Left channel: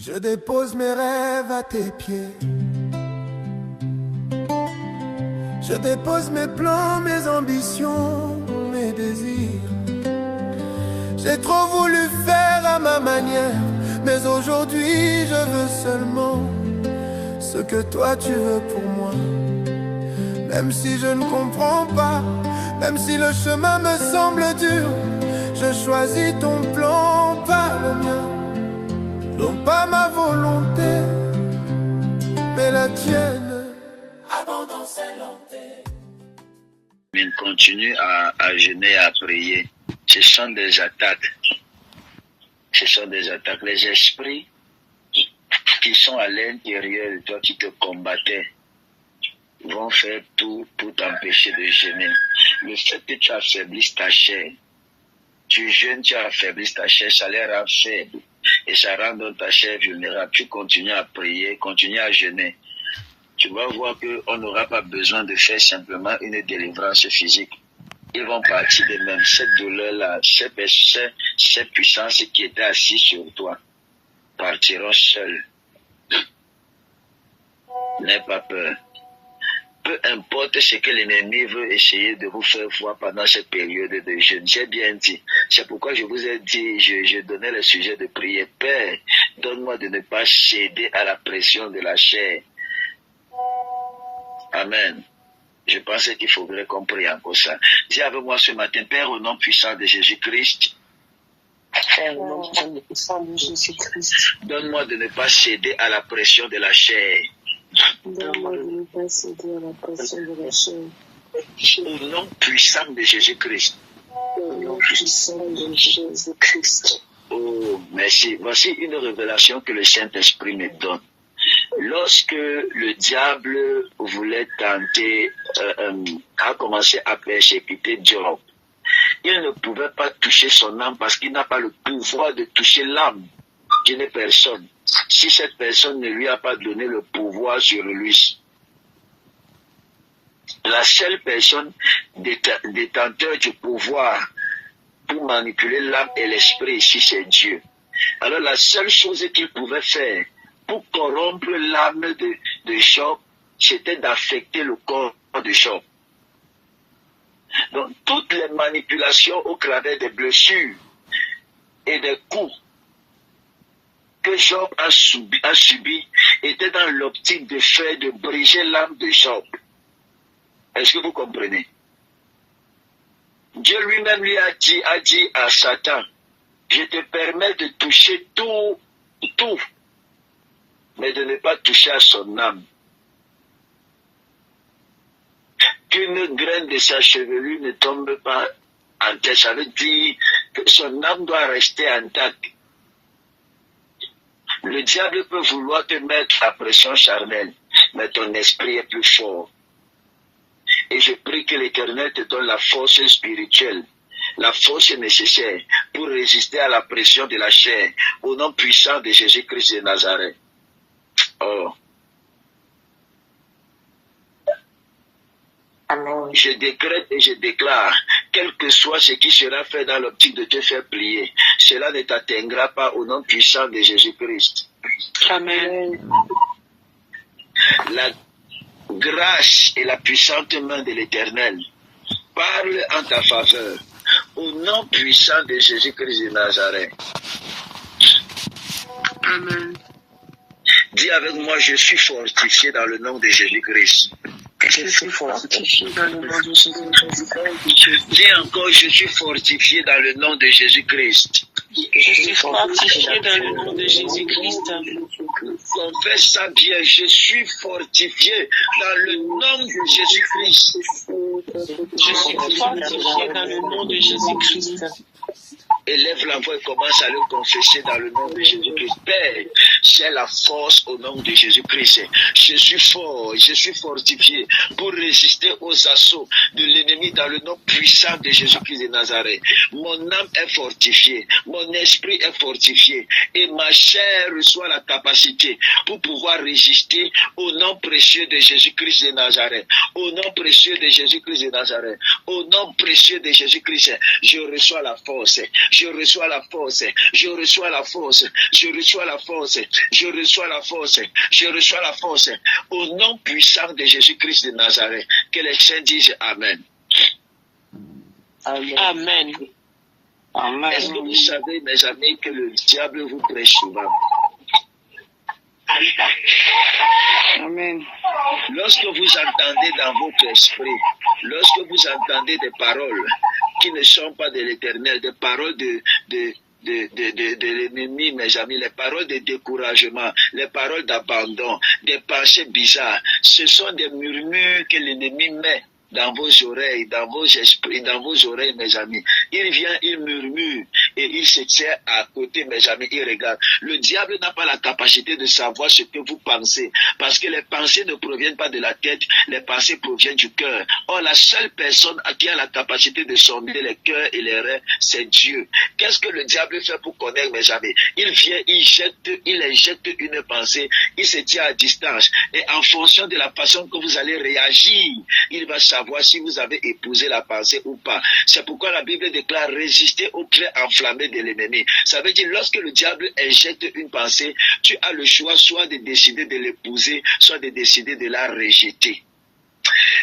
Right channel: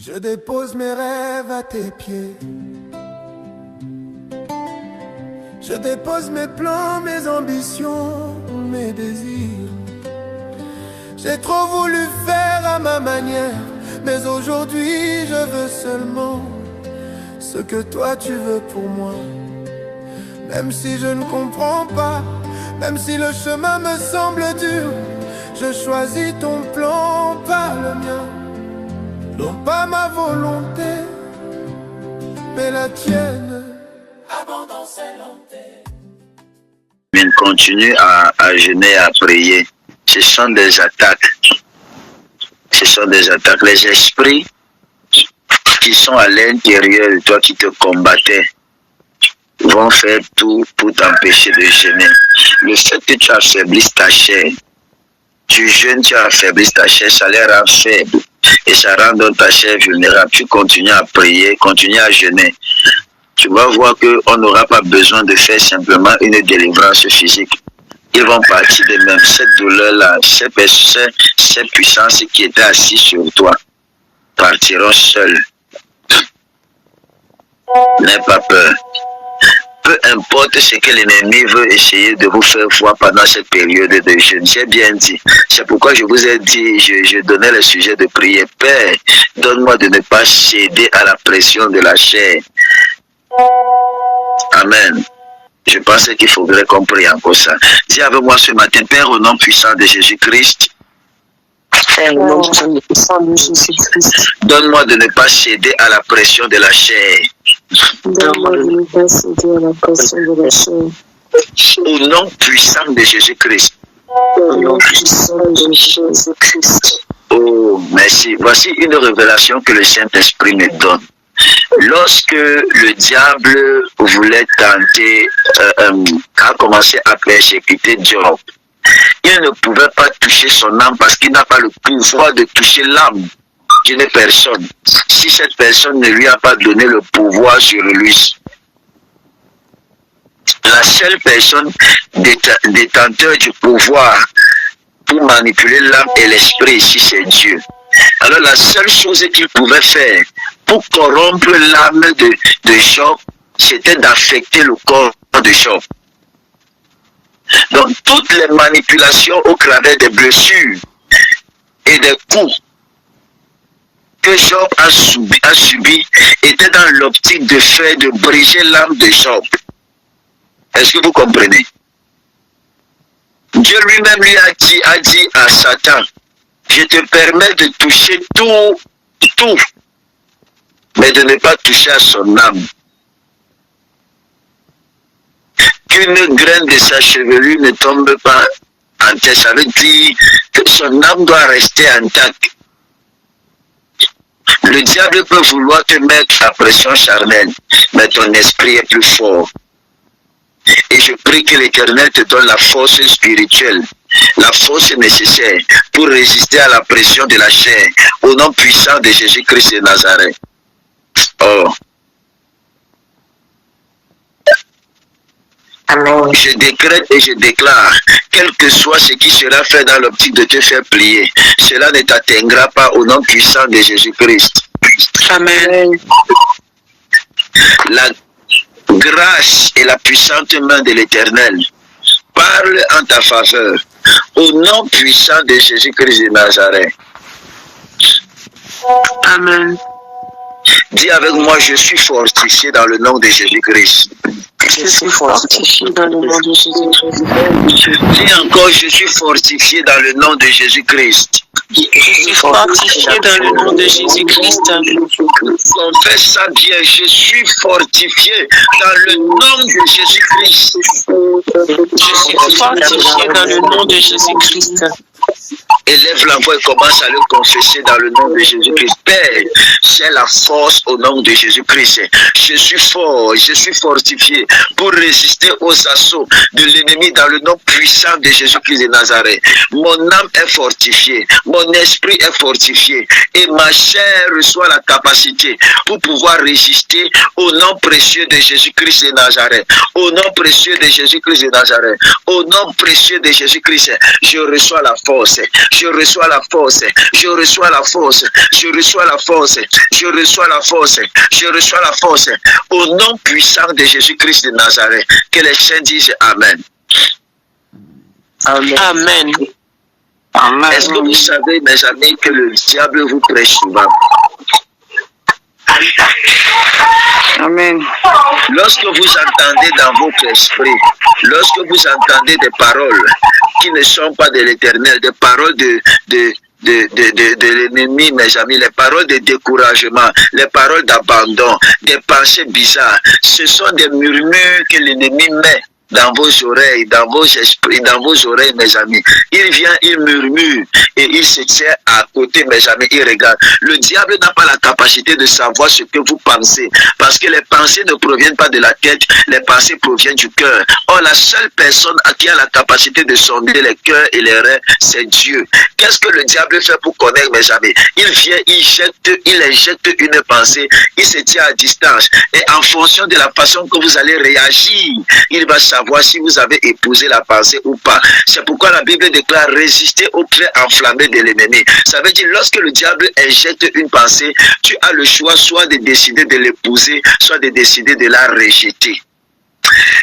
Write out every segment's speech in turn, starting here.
Je dépose mes rêves à tes pieds. Je dépose mes plans, mes ambitions, mes désirs. J'ai trop voulu faire à ma manière, mais aujourd'hui je veux seulement ce que toi tu veux pour moi. Même si je ne comprends pas, même si le chemin me semble dur, je choisis ton plan, pas le mien. Non pas ma volonté, mais la tienne. Abandon c'est Mais continue à jeûner, à prier. Ce sont des attaques. Ce sont des attaques. Les esprits qui sont à l'intérieur de toi, qui te combattaient, vont faire tout pour t'empêcher de jeûner. Le fait que tu affaiblisses ta chair, tu jeûnes, tu affaiblisses ta chair, ça les rend faibles. Et ça rend donc ta chair vulnérable. Tu continues à prier, continue à jeûner. Tu vas voir qu'on n'aura pas besoin de faire simplement une délivrance physique. Ils vont partir de même. Cette douleur-là, ces puissances qui étaient assises sur toi, partiront seules. N'aie pas peur. Peu importe ce que l'ennemi veut essayer de vous faire voir pendant cette période de jeûne. J'ai bien dit. C'est pourquoi je vous ai dit, je donnais le sujet de prière. Père, donne-moi de ne pas céder à la pression de la chair. Amen. Je pense qu'il faudrait qu'on prie encore ça. Dis avec moi ce matin, Père, au nom puissant de Jésus-Christ, donne-moi de ne pas céder à la pression de la chair. Donne-moi de ne pas céder à la pression de la chair. Au nom puissant de Jésus-Christ. Au nom puissant de Jésus-Christ. Oh, merci. Voici une révélation que le Saint-Esprit me donne. Lorsque le diable voulait tenter, a commencé à persécuter Job, il ne pouvait pas toucher son âme parce qu'il n'a pas le pouvoir de toucher l'âme d'une personne. Si cette personne ne lui a pas donné le pouvoir sur lui, la seule personne détenteur du pouvoir pour manipuler l'âme et l'esprit ici, c'est Dieu. Alors la seule chose qu'il pouvait faire pour corrompre l'âme de Job, c'était d'affecter le corps de Job. Donc toutes les manipulations au travers des blessures et des coups que Job a subi étaient dans l'optique de faire, de briser l'âme de Job. Est-ce que vous comprenez? Dieu lui-même lui a dit à Satan, je te permets de toucher tout, mais de ne pas toucher à son âme. Qu'une graine de sa chevelure ne tombe pas en terre, ça veut dire que son âme doit rester intacte. Le diable peut vouloir te mettre à pression charnelle, mais ton esprit est plus fort. Et je prie que l'Éternel te donne la force spirituelle, la force nécessaire pour résister à la pression de la chair, au nom puissant de Jésus-Christ de Nazareth. Oh. Amen. Je décrète et je déclare, quel que soit ce qui sera fait dans l'optique de te faire plier, cela ne t'atteindra pas au nom puissant de Jésus-Christ. Amen. La grâce et la puissante main de l'Éternel parle en ta faveur au nom puissant de Jésus-Christ de Nazareth. Amen. Dis avec moi, je suis fortifié dans le nom de Jésus-Christ. Je suis fortifié dans le nom de Jésus-Christ. Dis encore, je suis fortifié dans le nom de Jésus-Christ. Je suis fortifié dans le nom de Jésus-Christ. Confesse ça bien, je suis fortifié dans le nom de Jésus-Christ. Je suis fortifié dans le nom de Jésus-Christ. Élève la voix et commence à le confesser dans le nom de Jésus-Christ. Père, j'ai la force au nom de Jésus-Christ. Je suis fort, je suis fortifié pour résister aux assauts de l'ennemi dans le nom puissant de Jésus-Christ de Nazareth. Mon âme est fortifiée, mon esprit est fortifié et ma chair reçoit la capacité pour pouvoir résister au nom précieux de Jésus-Christ de Nazareth. Au nom précieux de Jésus-Christ de Nazareth. Au nom précieux de Jésus-Christ, je reçois la force. Je reçois la force, je reçois la force, je reçois la force, Je reçois la force. Je reçois la force. Au nom puissant de Jésus-Christ de Nazareth. Que les saints disent Amen. Amen. Amen. Amen. Est-ce que vous savez, mes amis, que le diable vous prêche souvent? Amen. Lorsque vous entendez dans votre esprit, lorsque vous entendez des paroles qui ne sont pas de l'Éternel, des paroles de l'ennemi, mes amis, les paroles de découragement, les paroles d'abandon, des pensées bizarres, ce sont des murmures que l'ennemi met dans vos oreilles, dans vos esprits, dans vos oreilles, mes amis. Il vient, il murmure et il se tient à côté, mes amis, il regarde. Le diable n'a pas la capacité de savoir ce que vous pensez parce que les pensées ne proviennent pas de la tête, les pensées proviennent du cœur. Or, la seule personne qui a la capacité de sonder les cœurs et les reins, c'est Dieu. Qu'est-ce que le diable fait pour connaître, mes amis? Il vient, il injecte une pensée, il se tient à distance et en fonction de la façon que vous allez réagir, il va savoir si vous avez épousé la pensée ou pas. C'est pourquoi la Bible déclare résister au trait enflammé de l'ennemi. Ça veut dire lorsque le diable injecte une pensée, tu as le choix soit de décider de l'épouser, soit de décider de la rejeter.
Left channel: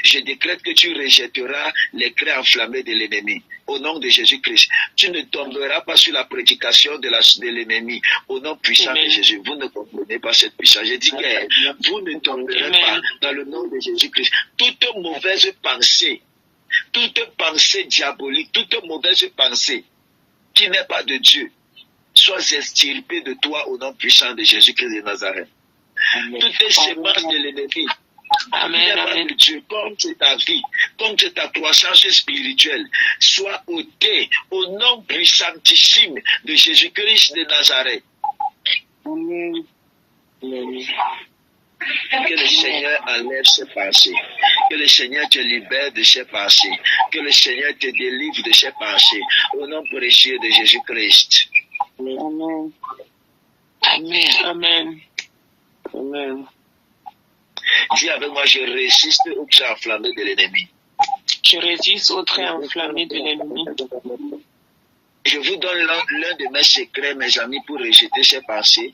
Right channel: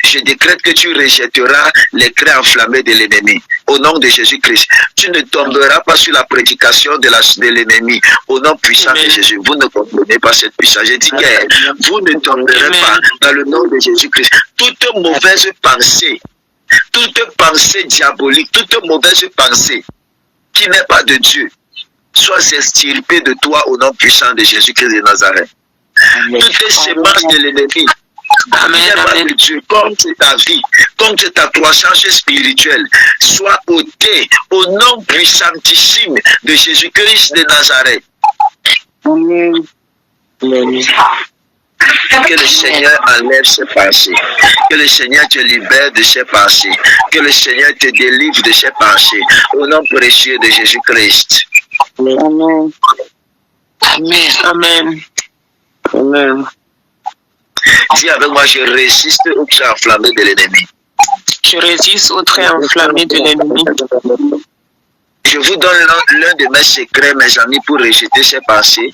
Je décrète que tu rejetteras les traits enflammés de l'ennemi. Au nom de Jésus-Christ, tu ne tomberas pas sur la prédication de l'ennemi. Au nom puissant de Jésus, vous ne comprenez pas cette puissance. Je dis que vous ne tomberez pas dans le nom de Jésus-Christ. Toute mauvaise pensée, toute pensée diabolique, toute mauvaise pensée qui n'est pas de Dieu, soit extirpée de toi au nom puissant de Jésus-Christ de Nazareth. Toutes semences de l'ennemi, amen, Dieu, contre ta vie, contre ta croissance spirituelle, soit ôté au nom puissantissime de Jésus-Christ de Nazareth. Amen. Que le Seigneur enlève ses pensées, que le Seigneur te libère de ses pensées, que le Seigneur te délivre de ses pensées, au nom précieux de Jésus-Christ. Amen. Amen. Amen. Amen. Dis avec moi, je résiste au trait enflammé de l'ennemi. Je résiste au trait enflammé de l'ennemi. Je vous donne l'un de mes secrets, mes amis, pour rejeter ces pensées.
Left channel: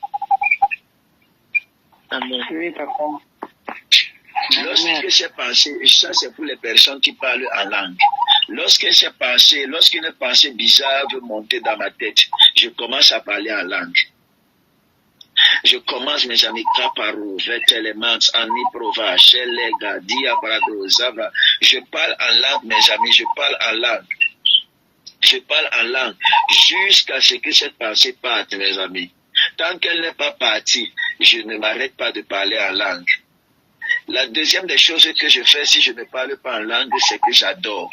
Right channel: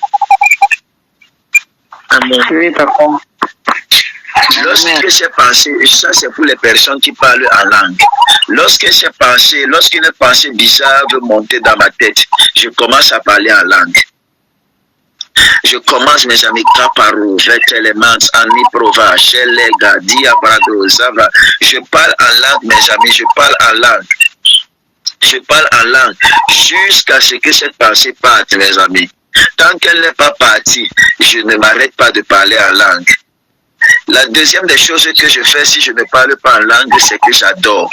Amen. Oui, papa. Lorsque ces pensées, ça c'est pour les personnes qui parlent en langue. Lorsqu'une pensée bizarre veut monter dans ma tête, je commence à parler en langue. Je commence, mes amis, Kaparu, Vetelemans, Aniprova, Shelega, Diabrado, Zava. Je parle en langue, mes amis, je parle en langue. Je parle en langue jusqu'à ce que cette pensée parte, mes amis. Tant qu'elle n'est pas partie, je ne m'arrête pas de parler en langue. La deuxième des choses que je fais si je ne parle pas en langue, c'est que j'adore.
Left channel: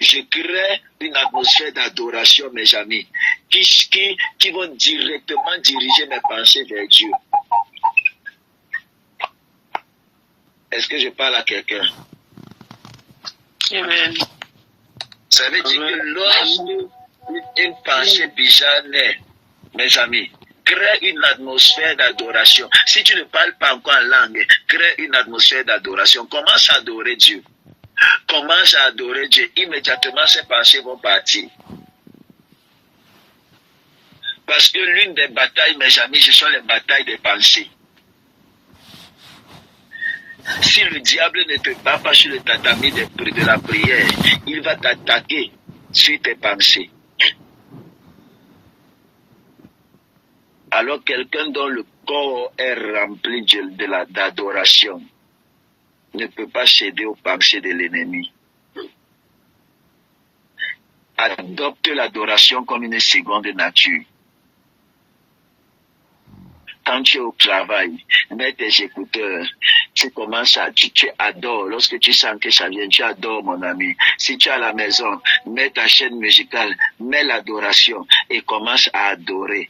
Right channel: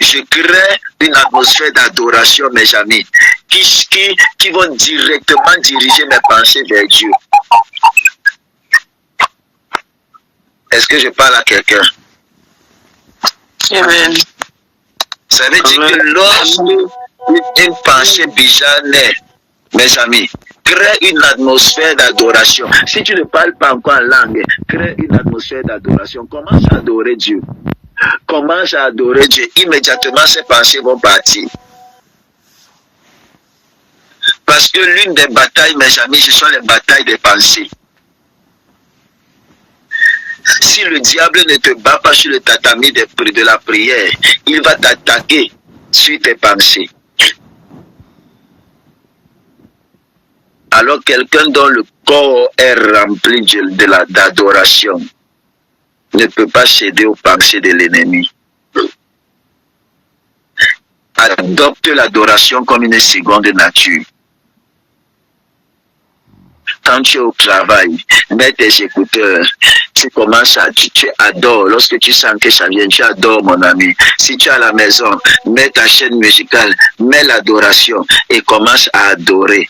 Je crée une atmosphère d'adoration, mes amis, qui vont directement diriger mes pensées vers Dieu. Est-ce que je parle à quelqu'un? Amen. Ça veut dire que lorsque une pensée bizarre naît, mes amis, crée une atmosphère d'adoration. Si tu ne parles pas encore en langue, crée une atmosphère d'adoration. Commence à adorer Dieu. Commence à adorer Dieu. Immédiatement, ces pensées vont partir. Parce que l'une des batailles, mes amis, ce sont les batailles des pensées. Si le diable ne te bat pas sur le tatami de la prière, il va t'attaquer sur tes pensées. Alors quelqu'un dont le corps est rempli d'adoration ne peut pas céder aux pensées de l'ennemi. Adopte l'adoration comme une seconde nature. Quand tu es au travail, mets tes écouteurs, tu commences tu adores. Lorsque tu sens que ça vient, tu adores, mon ami. Si tu es à la maison, mets ta chaîne musicale, mets l'adoration et commence à adorer.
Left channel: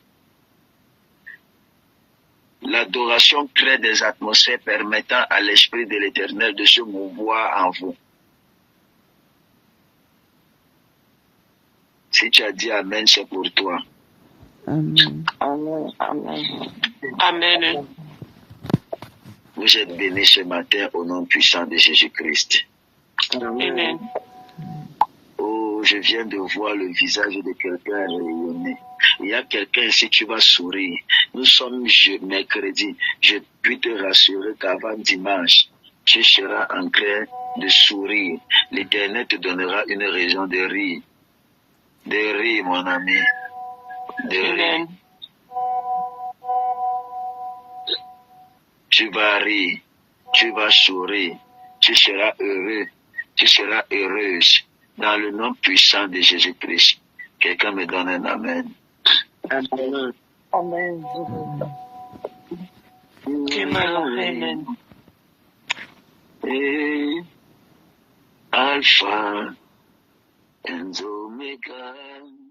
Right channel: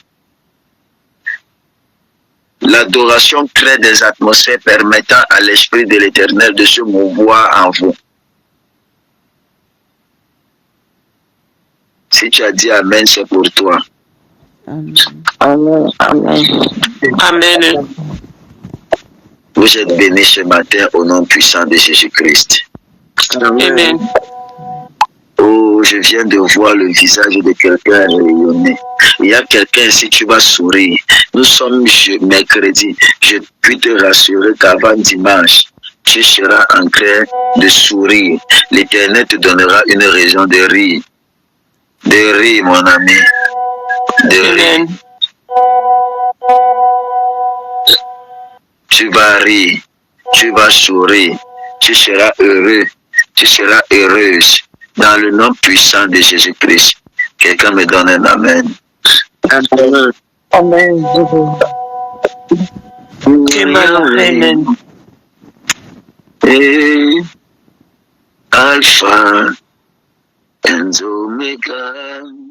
L'adoration crée des atmosphères permettant à l'Esprit de l'Éternel de se mouvoir en vous. Si tu as dit Amen, c'est pour toi. Amen. Amen. Amen. Amen. Vous êtes bénis ce matin au nom puissant de Jésus-Christ. Amen. Oh, Oh, je viens de voir le visage de quelqu'un rayonner. Il y a quelqu'un, si tu vas sourire. Nous sommes mercredi. Je puis te rassurer qu'avant dimanche, tu seras en train de sourire. L'Éternel te donnera une raison de rire. De rire, mon ami. De rire. Amen. Tu vas rire. Tu vas sourire. Tu seras heureux. Tu seras heureuse. Dans le nom puissant de Jésus-Christ. Quelqu'un me donne un amen. Amen. Amen. Amen. Et Alpha and Omega.